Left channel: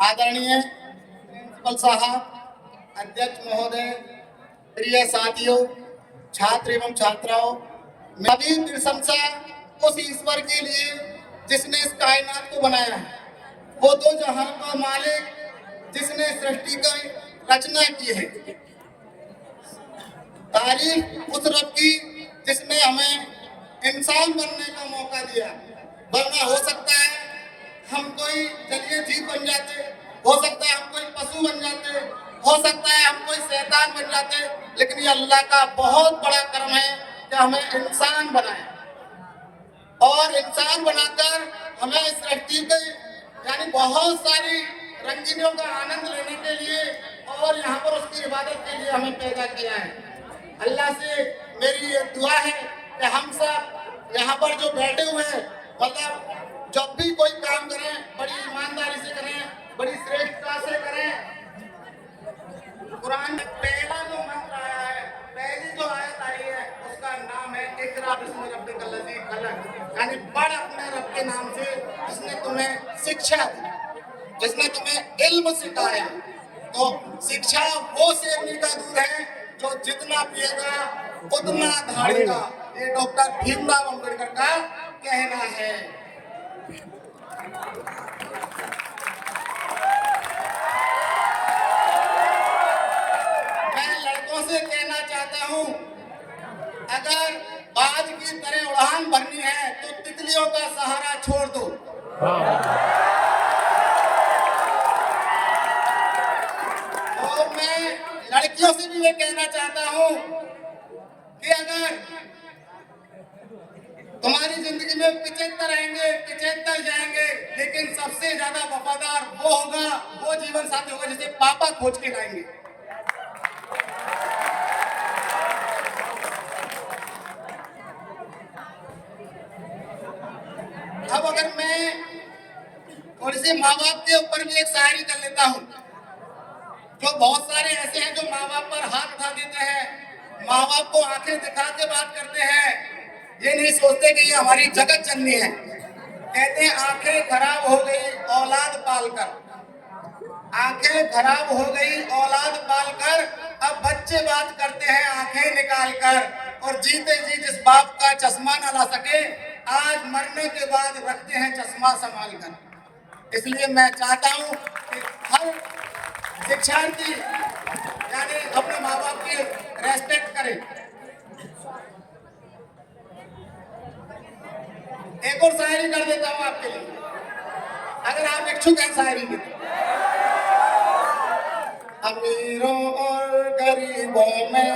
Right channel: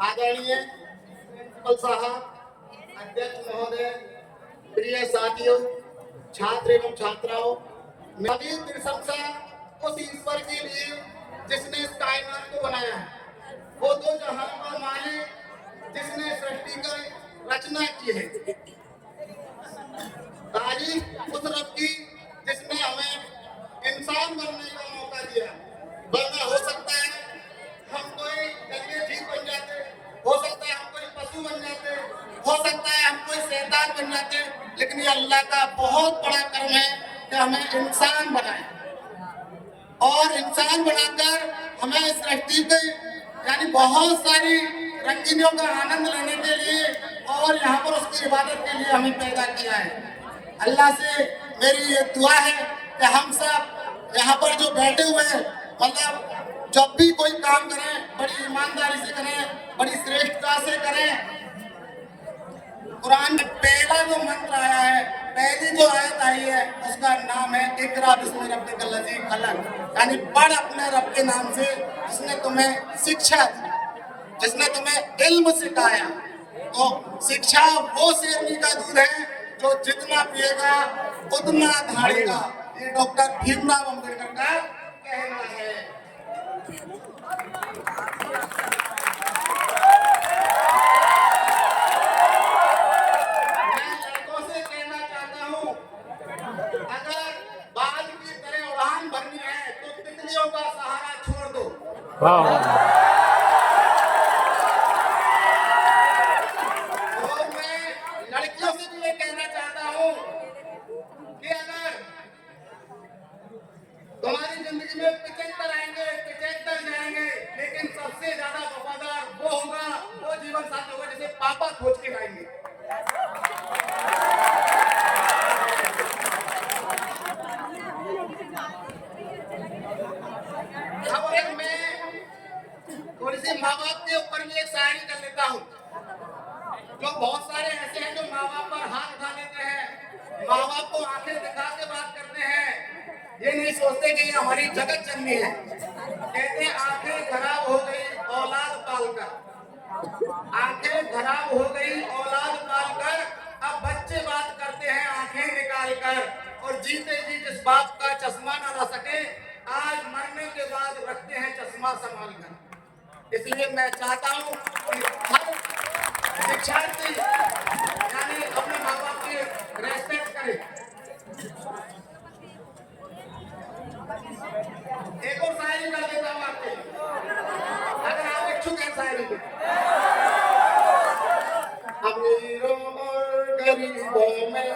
आदरणीय प्रिंसिपल साहब, अध्यक्ष महोदय, प्रिय साथियों, छात्र एवं छात्राओं, मैं भी प्रशंसा उस ईश्वर के लिए जिसने इस कायनात को बनाया है, वो दो जहां का मालिक जिसने सृष्टि का रचना की है। तारीफ उस रब की जिसने हमें इंसान बनने का मौका दिया, वरना हो सकता है हम कोई जलीय जीव बन जाते, हो सकता है हम कोई पशु बन जाते, हो सकता है हम कोई शैतान बन जाते, लेकिन ये अल्लाह का बहुत बड़ा कर्म है कि हमें इंसान बनाए और इंसान बनाकर हमें इस सृष्टि पे यानी बहुत सारी रंगीनियों का आनंद लेने के लिए और यहाँ पर उसकी इबादत के लिए हमें पैदा किया है। अल्लाह से मेरी ये दुआ है कि हम सब यहाँ पर जो बैठे हुए हैं, मतलब जब भी कोई काम करें बड़ी ईमानदारी से करें, बड़ी श्रेष्ठता से करें। कुरान में पहला जो मंत्र आया है, पहली जो आयत आई है, उसका नाम है इक़रा बिस्मि रब्बिकल लज़ी खलक़, यानी पढ़ अपने रब के नाम से जिसने तुम्हें शिक्षा दी, जिसने तुम्हें इल्म सिखाया। तो शिक्षा वो शेरनी का दूध है जो जितना पिएगा उतना धाड़ेगा, ये डॉक्टर भीमराव अम्बेडकर का कहना है। मैं लड़कों से कहना चाहता हूँ, अगर बाज की तरह उड़ान भरनी है तो तितलियों का सहारा छोड़ दो। और मैं लड़कियों से भी ये कहना चाहता हूँ कि अगर तुम्हारी जिंदगी में 75 आएंगे, 75 जाएंगे, लेकिन सबसे ज्यादा वफादार वो होगा, वो जीवन साथी होगा जिसे पापा खोज के लाएंगे। अब अगर मैं थोड़ी सी माँ बाप के ऊपर भी एक शायरी कर लेता हूँ, जो बहुत सारे ऐसे हैं जो माँ बाप पर हाथ उठा देते हैं, माँ बाप को आंखें दिखा के बात करते हैं, ये नहीं सोचते कि ये हमारी जगत जननी है। कहते हैं आंखें खराब हो गई औलाद पालकर, आंखें खराब हो गई औलाद पालकर, अब बच्चे बात करते हैं आंखें निकाल कर, और जीते जी जिस बाप का चश्मा न ला सके, आज मरने के बाद रखते हैं चश्मा संभाल कर। इसलिए मैं चाहता हूँ कि हर शिक्षार्थी यानी अपने माँ बाप की रेस्पेक्ट करे। एक और शायरी कर देता हूँ आपके लिए, अगर आप इच्छुक हैं शायरी में। अमीरों और गरीबों में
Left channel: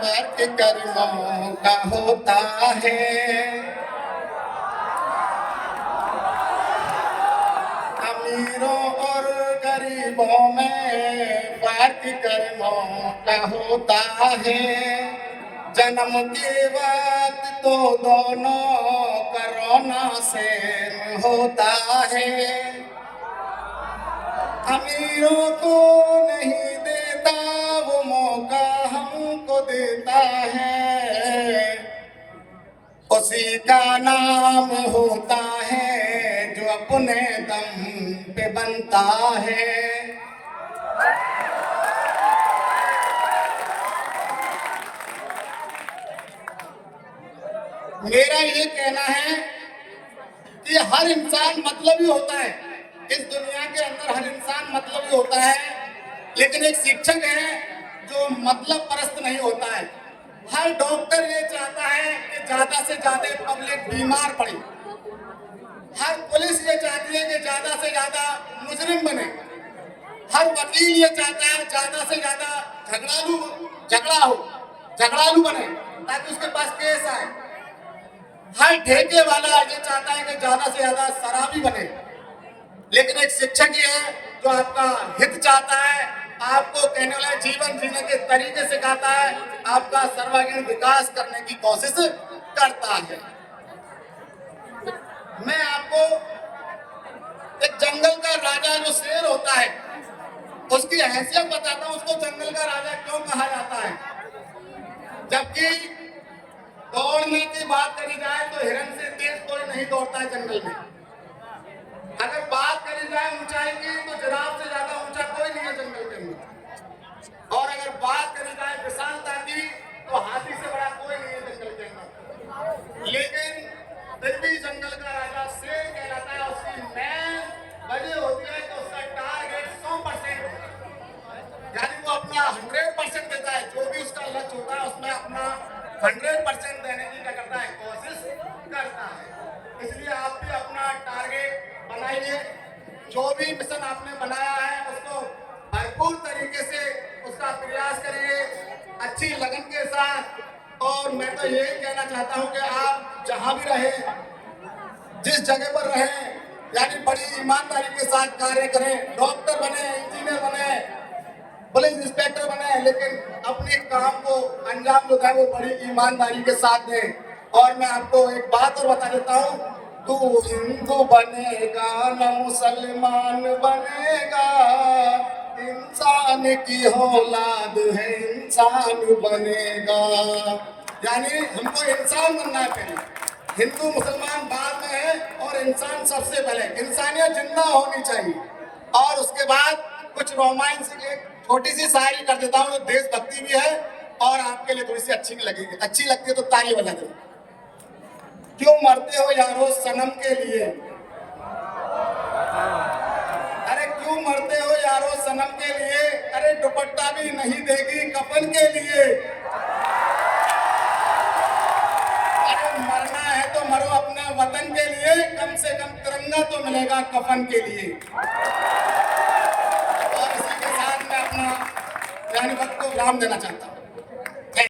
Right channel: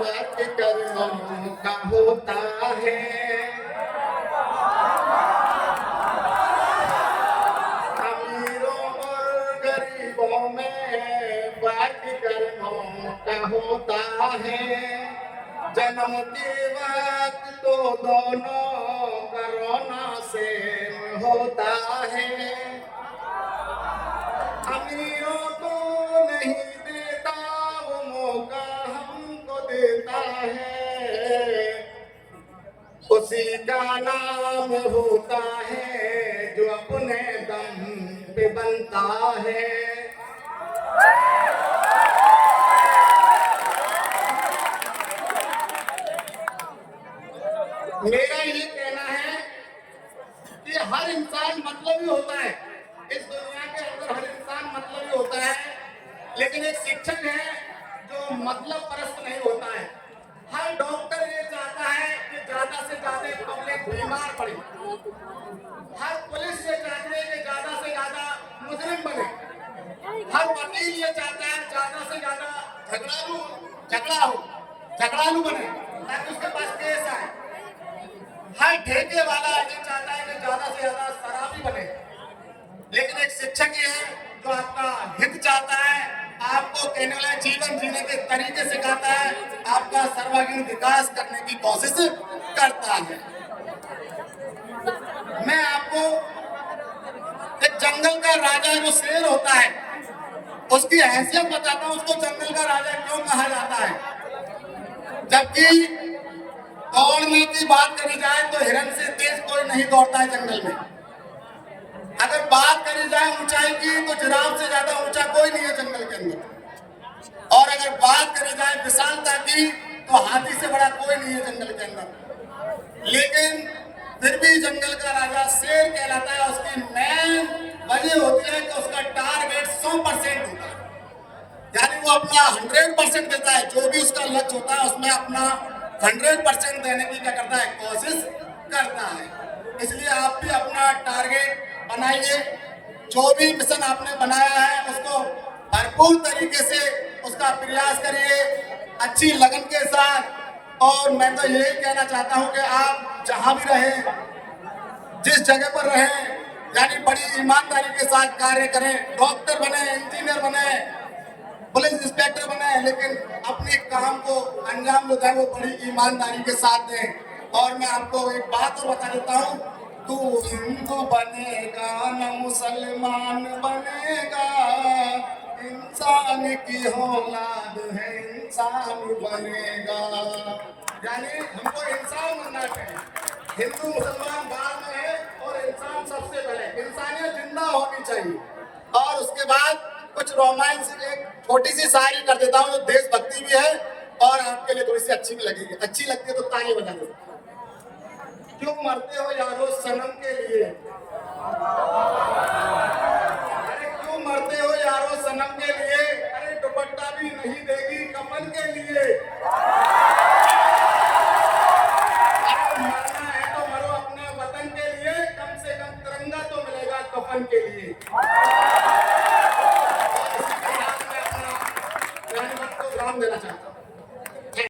बात करना का होता है, अमीरों और गरीबों में बात करना का होता है। जन्म के वक्त तो दोनों कोरोना से होता है, अमीरों को नहीं देता वो मौका हमको देता है, उसी का नाम होता है जो अपने दम पे बनता है। मेरा ये कहना है कि हर इंसान मतलबी होता है, इस दुनिया के अंदर हर इंसान मतलबी होता है, लेकिन एक शिक्षक है जो मतलब परस्त नहीं होता है। हर डॉक्टर ये चाहता है कि ज्यादा से ज्यादा पब्लिक बीमार पड़े, हर पुलिस ये चाहती है कि ज्यादा से ज्यादा मुजरिम बने, हर वकील ये चाहता है ज्यादा से ज्यादा झगड़ालू बने ताकि उसके पास केस आए, हर ठेके वाला ये चाहता है कि ज्यादा से ज्यादा शराबी बने, लेकिन एक शिक्षक ये है जो आपका हित चाहता है, आपको कहने वाला जीवन जीने के तरीके सिखाता है, आपका सर्वांगीण विकास करने की कोशिश करता है। मैं आपको एक जंगल का राजा जो शेर होता है उसकी हैसियत बताता हूँ, उसको जंगल का राजा क्यों कहा जाता है। जबकि दौड़ने की बात करी जाए तो हिरण से तेज कोई नहीं दौड़ता है जंगल में। अगर बात करी जाए ऊंचाई की तो जिराफ से ज्यादा ऊंचा कोई नहीं है जंगल के अंदर। और अगर बात करी जाए विशालता की तो हाथी से बड़ा कोई नहीं है जंगल के अंदर। लेकिन फिर भी जंगल का राजा शेर कहलाता है। उसकी मेन वजह होती है कि उसका टारगेट 100% होता है, यानी वो अपना 100% देता है। जो भी उसका लक्ष्य होता है उसमें अपना 100% देने की क्या करता है, कोशिश करता है। इसलिए आप भी अपना टारगेट बनाइए, जो भी मिशन आपने बनाया है उसको भरपूर तरीके से उसका प्रयास करिए, अच्छी लगन के साथ। और मैं तो यही कहना चाहता हूं कि आप जहां भी रहें, जिस जगह पर रहें, यानी बड़ी ईमानदारी के साथ कार्य करें। डॉक्टर बने, इंजीनियर बने, पुलिस इंस्पेक्टर बने, लेकिन अपने काम को अंजाम जो है वो बड़ी ईमानदारी के साथ दें। और मैं आपको एक बात और बता देता हूँ, तू हिंदू बनेगा न मुसलमान बनेगा, इंसान की औलाद है इंसान बनेगा। यानी हमको इंसान बनना है पहले, हिंदू मुसलमान बाद में है और इंसान सबसे पहले। इंसानियत जिंदा होनी चाहिए। और उसके बाद कुछ रोमांस, एक छोटी सी शायरी कर देता हूँ जो देशभक्ति भी है और आपके लिए थोड़ी सी अच्छी भी लगेगी। अच्छी लगती है तो ताली बजा दो। क्यों मरते हो यारो सनम के लिए, अरे क्यों मरते हो यारो सनम के लिए, अरे दुपट्टा भी नहीं देगी कफन के लिए। अरे मरना है तो मरो अपने वतन के लिए, कम से कम तिरंगा तो मिलेगा कफन के लिए। और इसी के साथ मैं अपना वक्त को विराम देना चाहता हूँ।